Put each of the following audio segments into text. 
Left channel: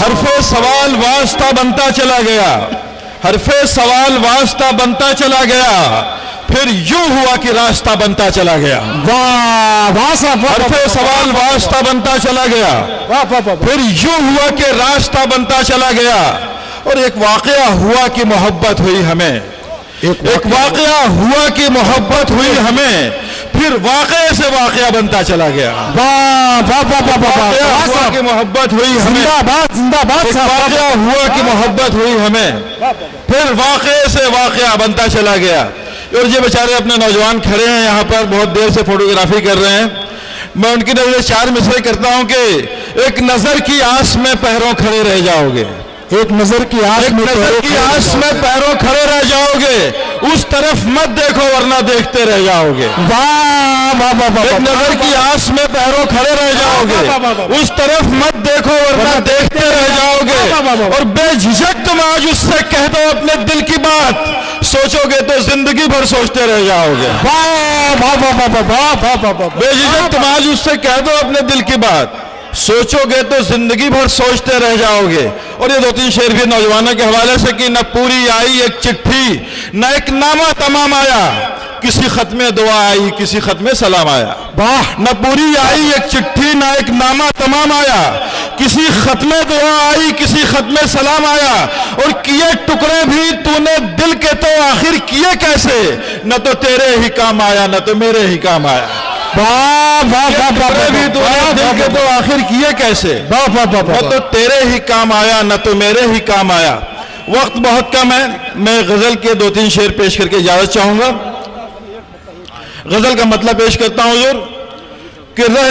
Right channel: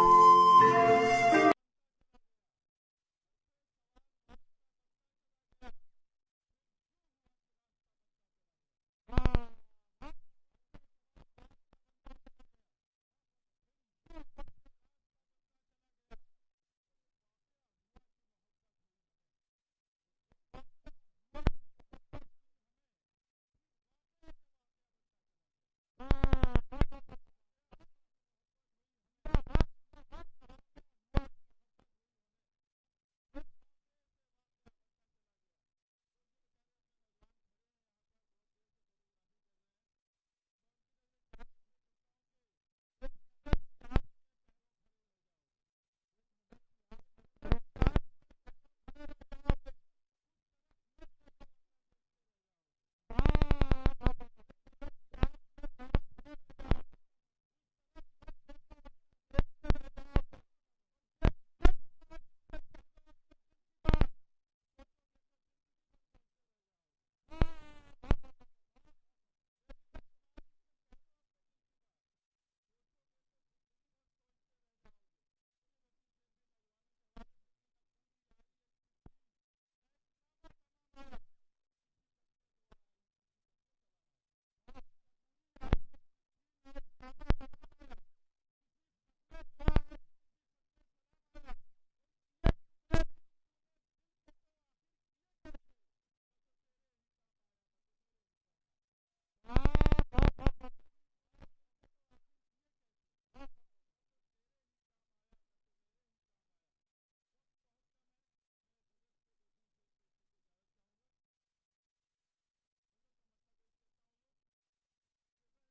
حرف سوال واسطہ بنتا چلا گیا، حرف سوال واسطہ بنتا چلا گیا، پھر یوں ہوا کہ راستہ بنتا چلا گیا۔ حرف سوال واسطہ بنتا چلا گیا، پھر یوں ہوا کہ راستہ بنتا چلا گیا، اور ایک واقعہ ہوا کہ محبت ہوئی ہمیں، ایک واقعہ ہوا کہ محبت ہوئی ہمیں، پھر واقعے سے واقعہ بنتا چلا گیا۔ واقعہ ہوا کہ محبت ہوئی ہمیں، واقعہ ہوا کہ محبت ہوئی ہمیں، پھر واقعے سے واقعہ بنتا چلا گیا۔ اور یہ بیچارے اپنے نوجوان کھڑے ہیں یہاں پر، بہت دیر سے فوٹوگرافی کر رہے ہیں، میں ان کی نظر چار مصرے کرتا ہوں کہ ایک نظر کی آس میں پیروں کھڑے رہ جاؤ گے، ایک نظر کی آس میں پیروں کھڑے رہ جاؤ گے، اس طرف مت دیکھو ورنہ دیکھتے رہ جاؤ گے۔ ایک نظر کی آس میں پیروں کھڑے رہ جاؤ گے، اس طرف مت دیکھو ورنہ دیکھتے رہ جاؤ گے، اور بے جھجک تم آج اس سے کہہ دو اپنے دل کی بات، سوچو گے تو زندگی بھر سوچتے رہ جاؤ گے۔ بے جھجک تم آج اس سے کہہ دو اپنے دل کی بات، سوچو گے تو زندگی بھر سوچتے رہ جاؤ گے۔ اور یہ دو تین شعر بھی نوجوانوں کے حوالے سے کہ نہ پوری آئی ایک چٹھی، نہ ایک نامہ تمام آیا، کسی ختم دعا آئی کسی ختم سلام آیا۔ نہ پوری آئی ایک چٹھی، نہ ایک نامہ تمام آیا، کسی ختم دعا آئی کسی ختم سلام آیا، اور کیے ٹکڑے بھی تو نے دل کے تو آخر کیے کیسے، نہ تو تیرے ہی کام آیا نہ تو میرے ہی کام آیا۔ بھی تو دل کے تو آخر کیے کیسے، نہ تو تیرے ہی کام آیا نہ تو میرے ہی کام آیا۔ وقت بہت کم ہے، میں غزل کے دو تین شعر پیش کر کے اجازت چاہوں گا۔ غزل کا مطلب پیش کرتا ہوں حضور کہ رہ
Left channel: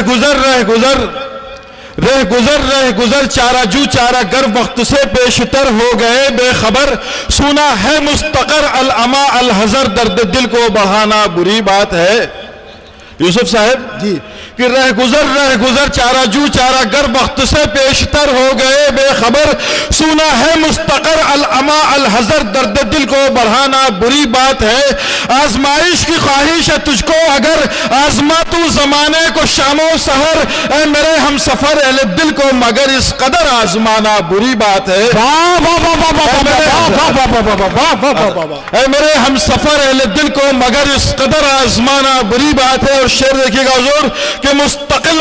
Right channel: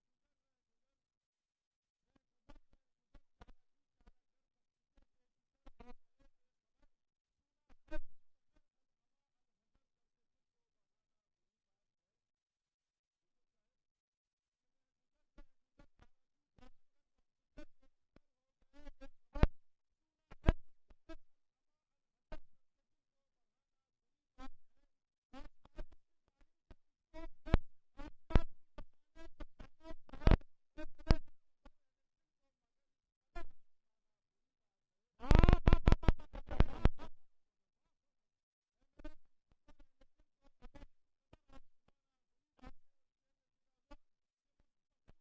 گزر چارہ جو چارہ گر وقت سے پیشتر ہو گئے بے خبر، سنا ہے مستقر العما الحذر، درد دل کو بڑھانا بری بات ہے۔ یوسف صاحب جی کہ رہ گزر چارہ جو چارہ گر وقت سے پیشتر ہو گئے بے خبر، سنا ہے مستقر العما الحذر، درد دل کو بڑھانا بری بات ہے۔ آزمائش کی خواہش ہے تجھ کو اگر، آزما تو زمانے کو شام و سحر، اے میرے ہم سفر اہل دل کو مگر اس قدر آزمانا بری بات ہے۔ اے میرے ہم سفر اہل دل کو مگر اس قدر آزمانا بری بات ہے۔ اور شعر دیکھیے گا حضور کہ مستقل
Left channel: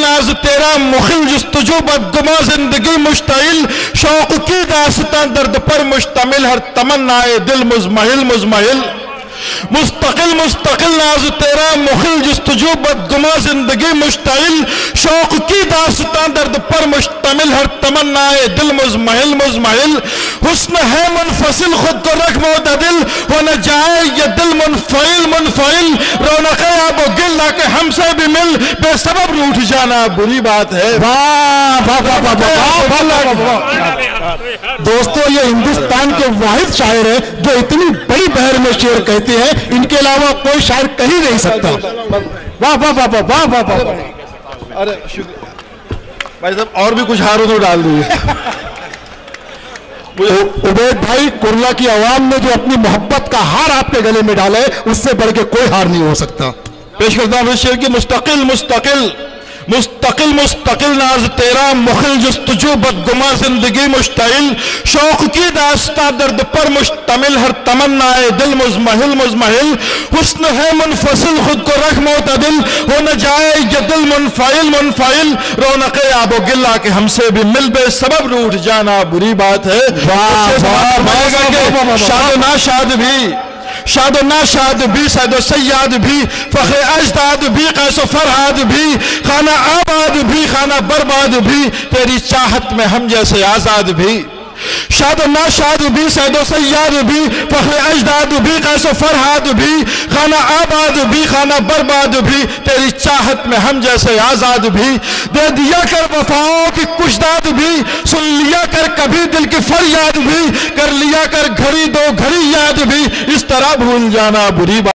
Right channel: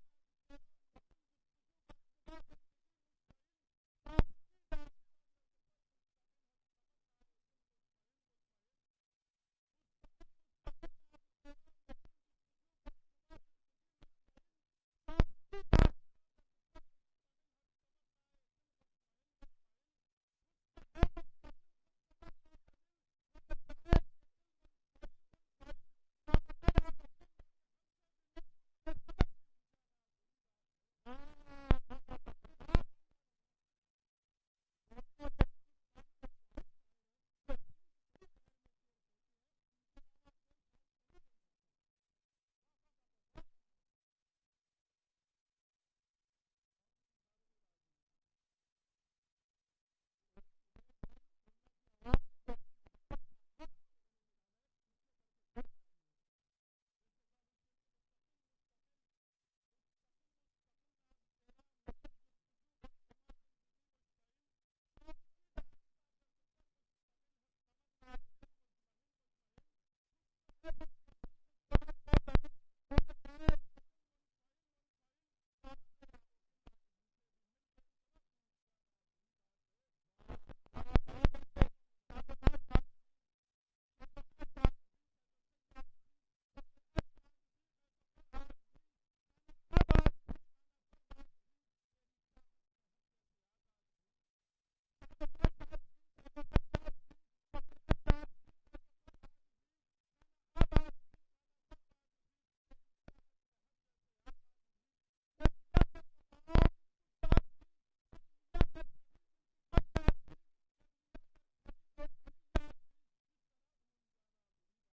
ناز تیرا مخل، جستجو بدگما زندگی مشتعل، شوق کی داستان درد پر مشتمل، ہر تمنا دل مزمحل۔ مستقل ناز تیرا مخل، جستجو بدگما زندگی مشتعل، شوق کی داستان درد پر مشتمل، ہر تمنا دل مزمحل۔ حسن ہے منفصل خود کو رکھ معتدل، ہو نہ جائے یہ دل منفعل، رونق آب و گل نہ کہ ہم سے بھی مل، بے سبب روٹھ جانا بری بات ہے۔ دوستو یہ ہندوستان کے واحد شاعر ہیں جو اتنی بڑی بحر میں شعر کہتے ہیں، ان کے علاوہ کوئی شاعر کہیں نہیں سکتا۔ واہ واہ واہ واہ واہ واہ واہ۔ ارے شکریہ بھائی صاحب، اور بھی کچھ ہاروں تو ڈال دیجیے۔ عبید بھائی، کرلا کی عوام نے جو اپنی محبت کا ہار آپ کے گلے میں ڈالا ہے، اس سے بڑھ کے کوئی ہار نہیں ہو سکتا۔ پیش کرتا ہوں شعر کی مستقل ناز تیرا مخل، جستجو بدگما زندگی مشتعل، شوق کی داستہ درد پر مشتمل، ہر تمنا دل مزمحل۔ حسن ہے منفصل خود کو رکھ معتدل، ہو نہ جائے یہ دل منفعل، رونق آب و گل کہ ہم سے بھی مل، بے سبب روٹھ جانا بری بات ہے۔ شاد و ناشاد بھی، سید و سیاد بھی، فخر اجداد بھی، قیس و فرہاد بھی، خانہ آباد بھی، خانہ برباد بھی، تیری چاہت میں ہم جیسے آزاد بھی۔ شاد و ناشاد بھی، سید و سیاد بھی، فخر اجداد بھی، قیس و فرحاد بھی، خانہ آباد بھی، خانہ برباد بھی، تیری چاہت میں ہم جیسے آزاد بھی، دے دیا کر وفاؤں کی کچھ داد بھی، سن لیا کر کبھی دل کی فریاد بھی، کر لیا کر گھڑی دو گھڑی یاد بھی، اس طرح بھول جانا بری بات